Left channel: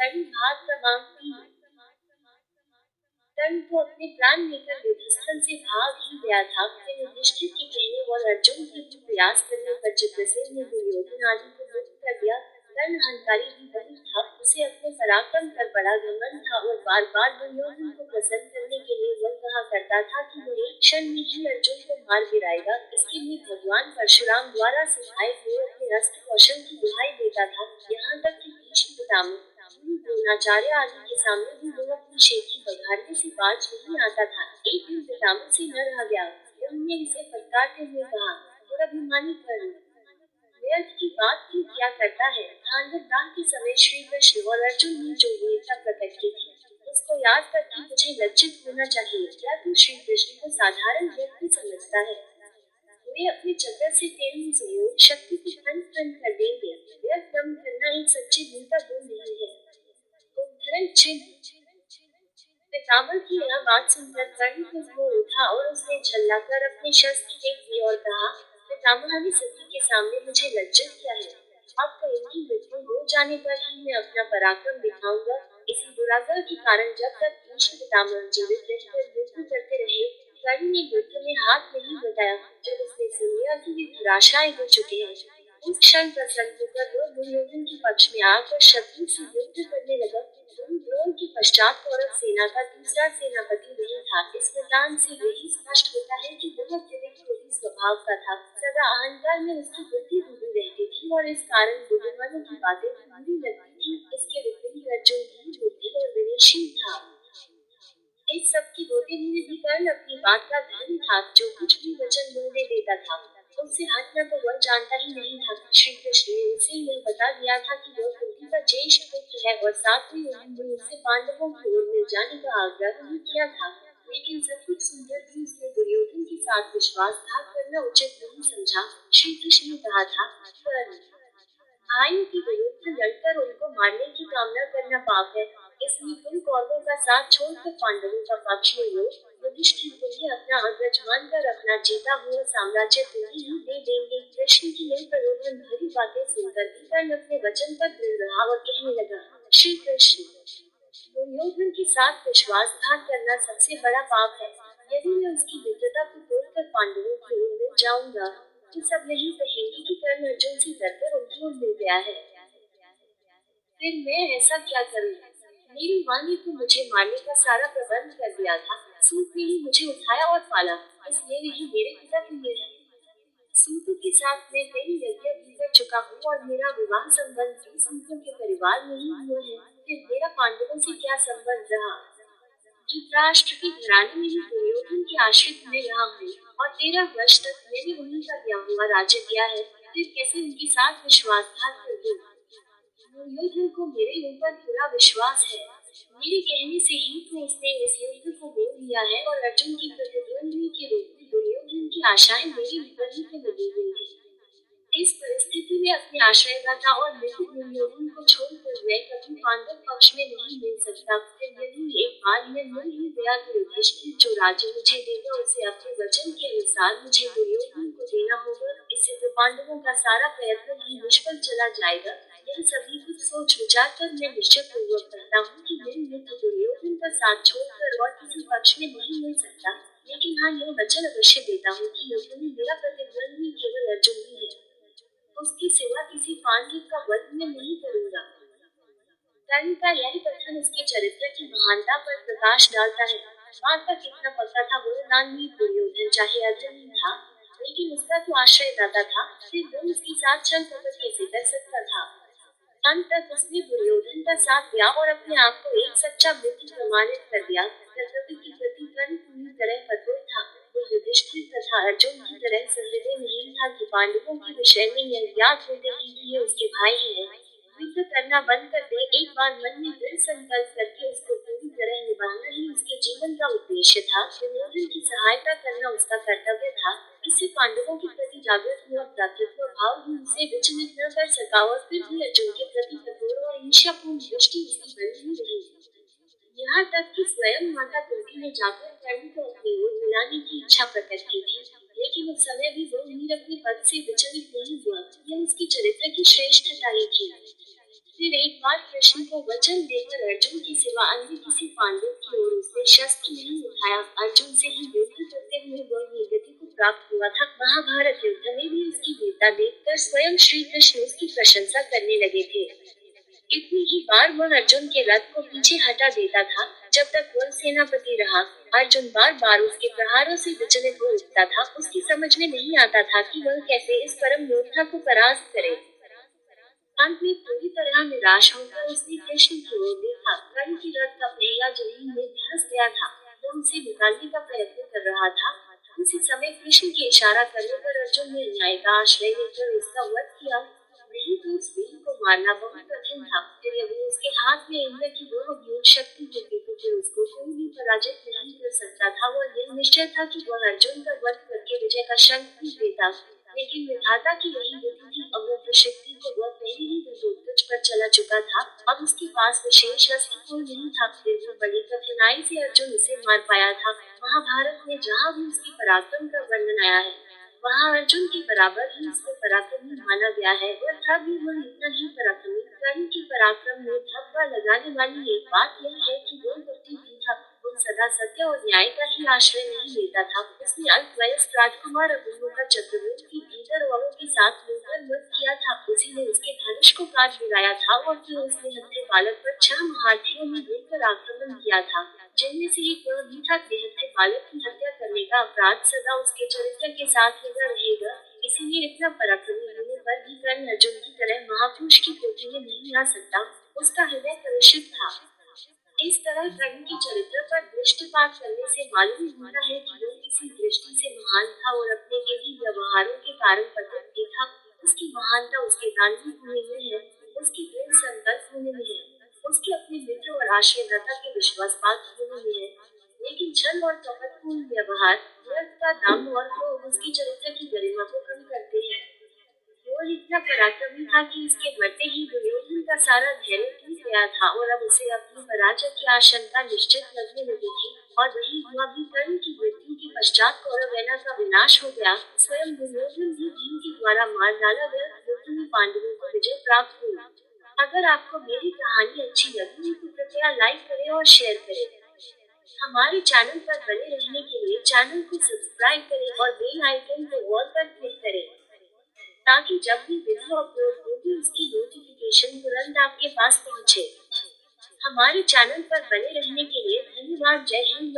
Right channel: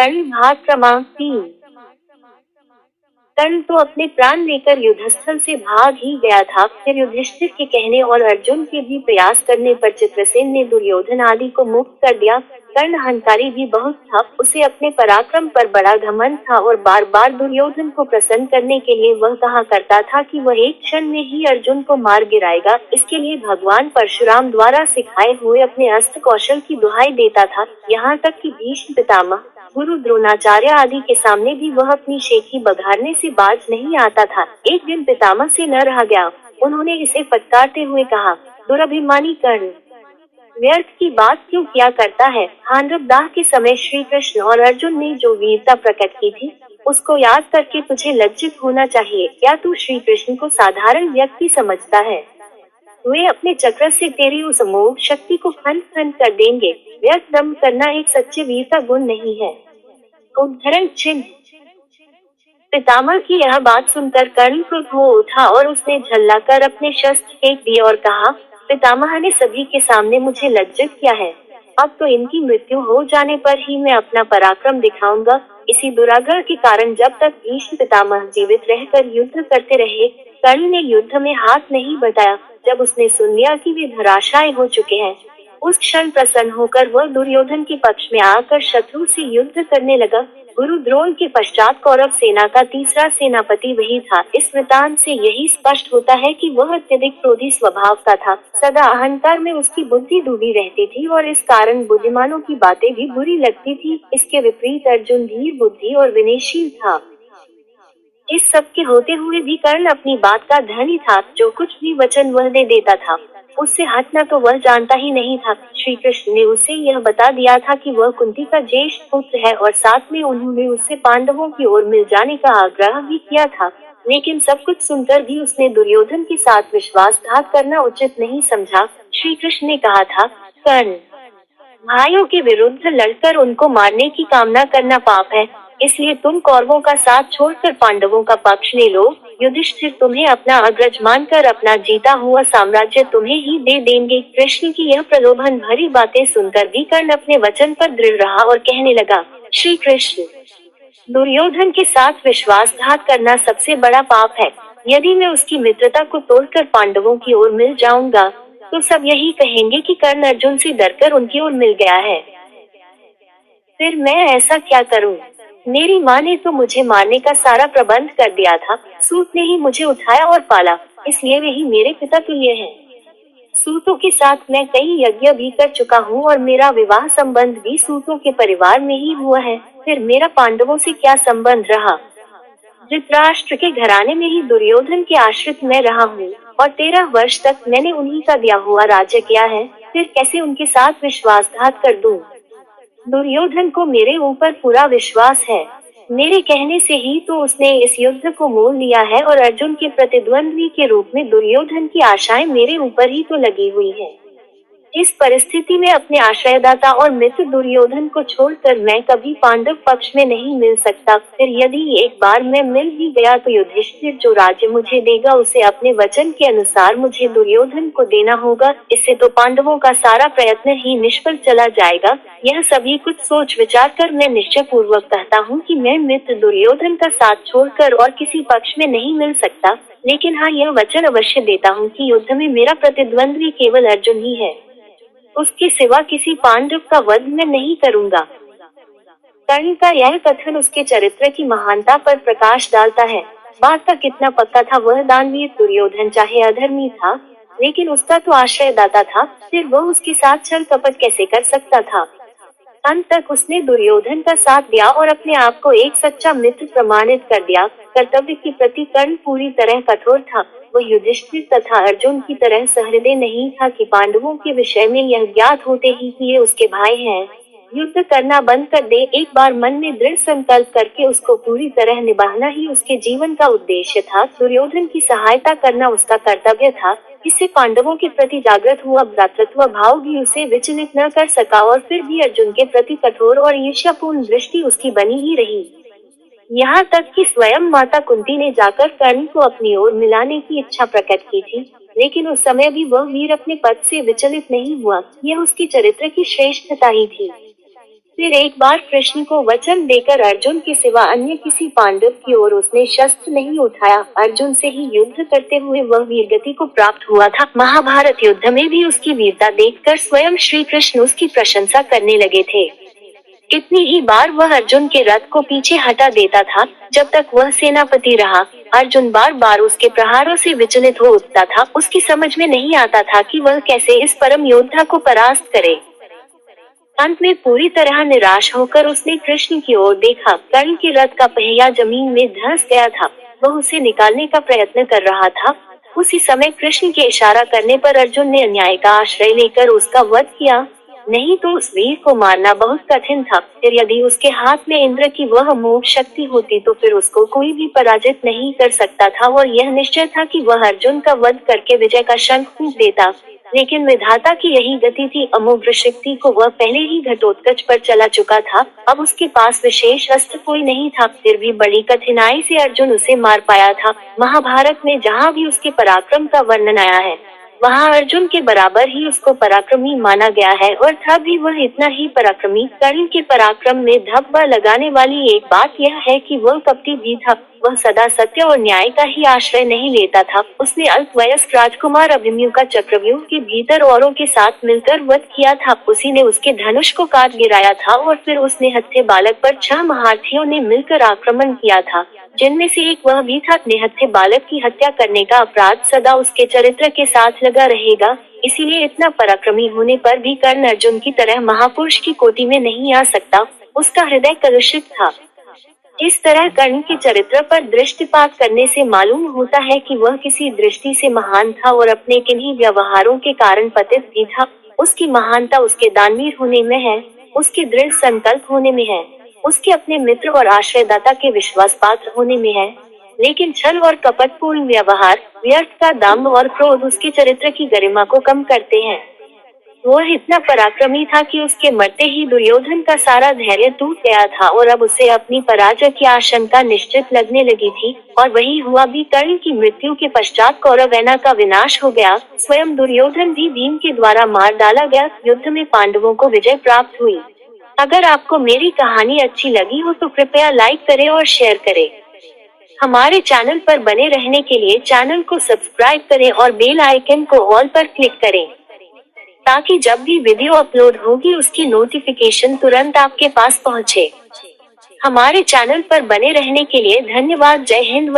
कर्ण भाग क्रमांक 3। कर्ण तो अपने प्राण लेकर युद्धस्थल से भाग ही गया था। फिर युधिष्ठिर के कहने और अर्जुन के भी प्रयास करने पर चित्रसेन ने दुर्योधन आदि को मुक्त कर दिया। कर्ण अहंकारी भी बहुत था, उसे अपने पराक्रम पर बड़ा घमंड था और बार बार दुर्योधन को प्रसन्न करने के लिए वह कहा करता था कि वह एक क्षण में ही अर्जुन को मार गिराएगा। इसके लिए भगवान परशुराम द्वारा सिखाए हुए अपने अस्त्र कौशल की दुहाई देता था। यहाँ तक कि भीष्म पितामह, गुरु द्रोणाचार्य आदि के सामने भी वह अपनी शेखी बघारने से बाज नहीं आता था। एक दिन पितामह से न रहा गया, उन्होंने इसे फटकारते हुए कहा, दुरभिमानी कर्ण, व्यर्थ की बात क्यों किया करता है। खांडव दाह के समय श्री कृष्ण और अर्जुन ने जो वीरता प्रकट की थी, उसको याद करके तुझे लज्जित होना चाहिए। क्या तू श्री कृष्ण को साधारण व्यक्ति समझता है? वे अपने चक्र से तेरी उस अमोघ शक्ति को खंड खंड कर देंगे। व्यर्थ दम करना एक सच्चे वीर का गुण नहीं है। उद्धरण चिन्ह। पितामह की यह बात सुनकर कर्ण क्रुद्ध हो उठा और उसने झल्लाकर अपने शस्त्र फेंक दिए और कहा, पितामह ने सभी के सामने मुझे लज्जित किया है। अब तो इनकी मृत्यु हो जाने पर ही मैं अपना पराक्रम दिखाऊंगा। इसी दुराग्रह के कारण जब तक भीष्म पितामह जीवित रहकर युद्ध करते रहे, कर्ण ने युद्ध में हाथ नहीं बटाया। जब उसने सुन लिया कि वे धराशायी हो चुके हैं, उस क्षण प्रसन्न होकर वह दुर्योधन के पक्ष में आकर शत्रु से युद्ध करने लगा। गुरु द्रोण के पश्चात कौरव सेना का तीसरा सेनापति वही था। इस वृतांत से यही स्पष्ट होता है कि वह अत्यधिक क्रोधी स्वभाव का था। सदा अहंकार में उसकी बुद्धि डूबी रहती थी और इस कारण बुद्धिमानों की बातें भी बुरी लगती थी। इसके विपरीत अर्जुन धीर बुद्धि और विनयशील था। इस सब के होते हुए भी कर्ण अपनी बात का धनी था। जो कुछ भी वचन वह दे देता था, उससे हटना तो वह जानता ही नहीं था। श्री कृष्ण ने उसे यह बता दिया था कि वह कुंती का ज्येष्ठ पुत्र है और साथ में उन्होंने उससे पांडवों की ओर मिल जाने का आग्रह भी किया था। लेकिन सब कुछ सुनकर भी उसने दुर्योधन के साथ विश्वासघात करना उचित नहीं समझा। श्री कृष्ण ने कहा था, कर्ण, भाइयों के विरुद्ध लड़कर उनको मारने की कामना करना पाप है। इसलिए तुम कौरवों का साथ छोड़कर पांडवों का पक्ष ले लो। युधिष्ठिर तुम्हें अपना अग्रज मानकर अपना जीता हुआ साम्राज्य तुम्हें ही दे देंगे। कृष्ण की यह प्रलोभन भरी बातें सुनकर भी कर्ण अपने वचन पर दृढ़ रहा और कहने लगा, श्री कृष्ण, दुर्योधन के साथ विश्वासघात करना सबसे बड़ा पाप है। यदि मैं उसकी मित्रता को तोड़कर पांडवों की ओर मिल जाऊंगा, तो सब यही कहेंगे कि कर्ण अर्जुन से डरकर उनकी ओर मिल गया है। फिर मैं ऐसा क्या करूं? मेरी माँ ने तो मुझे मारने का सारा प्रबंध कर दिया था। सूत ने ही मुझे उठाया और पाला, इसलिए वे ही मेरे पिता तुल्य हैं। सूतों के साथ मैं कई यज्ञ भी कर चुका हूँ और मेरा विवाह संबंध भी सूतों के परिवार में ही हुआ है। फिर मेरा पांडवों से क्या संबंध रहा? धृतराष्ट्र के घराने में ही दुर्योधन के आश्रित मैं रहा हूँ और 13 वर्ष तक मैंने उन्हीं का दिया हुआ राज्य किया है। फिर कैसे उनके साथ विश्वासघात कर दूं? दुर्योधन को मेरे ऊपर पूरा विश्वास है। मेरे कहने से ही तो उसने इस युद्ध को मोल लिया है और अर्जुन के प्रतिद्वंद्वी के रूप में दुर्योधन की आशाएं मेरे ऊपर ही तो लगी हुई है। इस परिस्थिति में अपने आश्रयदाता और मित्र दुर्योधन को छोड़कर मैं कभी पांडव पक्ष में नहीं मिल सकता। फिर यदि एक बार मैं मिल भी गया तो युधिष्ठिर जो राज्य मुझे देगा उसे अपने वचन के अनुसार मुझे दुर्योधन को देना होगा। इससे तो पांडवों का सारा प्रयत्न ही निष्फल चला जाएगा। यह सभी कुछ सोच विचार कर मैं निश्चय पूर्वक कहता हूँ कि मैं मित्र दुर्योधन का साथ छोड़कर और किसी पक्ष में नहीं मिल सकता। लेकिन हाँ, यह वचन अवश्य देता हूँ कि युद्ध में मेरा प्रतिद्वंद्वी केवल अर्जुन ही है। उसके सिवा किसी पांडव का वध मैं नहीं करूंगा। कर्ण का यह कथन उसके चरित्र की महानता पर प्रकाश डालता है। बात का कितना पक्का था। वह दानवीर दुर्योधन चाहे अधर्मी था, लेकिन उसका तो आश्रयदाता था। फिर वह उसके साथ छल कपट कैसे कर सकता था? अंत तक उसने दुर्योधन का साथ दिया और अपने आप को एक सच्चा मित्र प्रमाणित कर दिया। कर्तव्य के प्रति कर्ण पूरी तरह कठोर था। वह युधिष्ठिर तथा अर्जुन की तरह सहृदय नहीं था कि पांडवों के विषय में यह ज्ञात होते ही कि ये उसके भाई हैं, युद्ध करना बंद कर दे। एक बार मन में दृढ़ संकल्प करके उसको पूरी तरह निभाना ही उसके जीवन का उद्देश्य था। दुर्योधन की सहायता करना उसका कर्तव्य था। इससे पांडवों के प्रति जागृत हुआ भ्रातृत्व भाव भी उसे विचलित न कर सका और फिर भी अर्जुन के प्रति कठोर और ईर्ष्यापूर्ण दृष्टि उसकी बनी ही रही। यहाँ तक कि स्वयं माता कुंती ने जाकर कर्ण को अपनी ओर मिलाने की इच्छा प्रकट की थी, लेकिन उस समय भी वह वीर अपने पद से विचलित नहीं हुआ। यह उसके चरित्र की श्रेष्ठता ही थी। फिर एक बार कृष्ण को वचन देकर अर्जुन के सिवा अन्य किसी पांडव की ओर उसने शस्त्र नहीं उठाया। अर्जुन से ही युद्ध करते हुए वह वीरगति को प्राप्त हुआ था। महाभारत युद्ध में भी उसकी वीरता देखकर स्वयं श्री कृष्ण उसकी प्रशंसा करने लगे थे। कितनी ही बार वह अर्जुन के रथ को पीछे हटा देता था। जब तक वह सेनापति रहा, अर्जुन बार बार उसके प्रहारों से विचलित हो उठता था। उसकी समझ में नहीं आता था कि वह कैसे इस परम योद्धा को परास्त करे। अंत में पूरी तरह निराश होकर उसने कृष्ण की ओर देखा। कर्ण के रथ का पहिया जमीन में धंस गया था। वह उसे निकालने का प्रयत्न कर रहा था। उसी समय कृष्ण के इशारा करने पर अर्जुन ने अन्याय का आश्रय लेकर उसका वध किया। नहीं तो उस वीर को मारना बहुत कठिन था। फिर यदि उसके हाथ में इंद्र की वह अमोघ शक्ति होती तो फिर उसको कोई भी पराजित नहीं कर सकता था और यह निश्चय था कि वह अर्जुन का वध करके विजय का शंख फूंक देता। लेकिन विधाता की यही गति थी। अमोघ शक्ति को वह पहले ही घटोत्कच पर चला चुका था। अब उसके पास विशेष अस्त्र कोई नहीं था। फिर भी बड़ी कठिनाई से अर्जुन उसे मार पाया था। महाभारत में जहाँ भी उसके पराक्रम का वर्णन आया है, वहाँ अर्जुन के बराबर ही उसको पराक्रमी माना गया है। और था भी वह इतना ही पराक्रमी। कर्ण के पराक्रम में धब्बा लगाने वाली एक बात यह है कि वह कपटी भी था। वह सदा सत्य और न्याय का ही आश्रय नहीं लेता था। उसने अल्पवयस्क राजकुमार अभिमन्यु का चक्रव्यूह के भीतर औरों के साथ मिलकर वध किया था। उसी ने उसके धनुष को काट गिराया था और फिर उसने हत्थे बालक पर 6 महारथियों ने मिलकर आक्रमण किया था, जिनमें से एक वह भी था। निहत्थे बालक की हत्या करने का अपराध सदा उसके चरित्र के साथ लगा रहेगा। इसीलिए इतना पराक्रमी होने पर भी कर्ण अर्जुन की तरह महापुरुष की कोटि में नहीं आ सकता। उसका हृदय कलुषित था। इस तरह कर्ण के चरित्र पर दृष्टिपात करने से मालूम होता है कि वह किसी दृष्टि से महान था और अपने किन्हीं व्यवहारों के कारण पतित भी था। उसकी महानता उसके दानवीर होने में है, उसके दृढ़ संकल्प होने में है, उसके अपने मित्र और आश्रयदाता के विश्वास पात्र होने में है। लेकिन छल और कपटपूर्ण व्यवहार, व्यर्थ का दाम्भ और क्रोध उसके चरित्र की गरिमा को कम करते हैं। वह इतना पराक्रमी था कि उसके मरते ही दुर्योधन का सारा धैर्य टूट गया था और अब उसे अपनी पराजय की आशंका निश्चित लगने लगी थी। और वही हुआ भी। कर्ण की मृत्यु के पश्चात कौरवसेना का विनाश हो गया। स्वयं दुर्योधन भी भीम के द्वारा मार डाला गया। युद्ध में पांडवों को विजय प्राप्त हुई। अगर आपको मेरी कहानी अच्छी लगी हो तो कृपया लाइक करें और शेयर करें। हमारे चैनल पर बने रहने के लिए चैनल को सब्सक्राइब करें और बेल आइकन को ऑल पर क्लिक करें, ताकि जब भी वीडियो अपलोड होगी उसकी नोटिफिकेशन तुरंत आपके पास पहुंचे। हमारे चैनल पर बने रहने के लिए धन्यवाद। जय हिंद।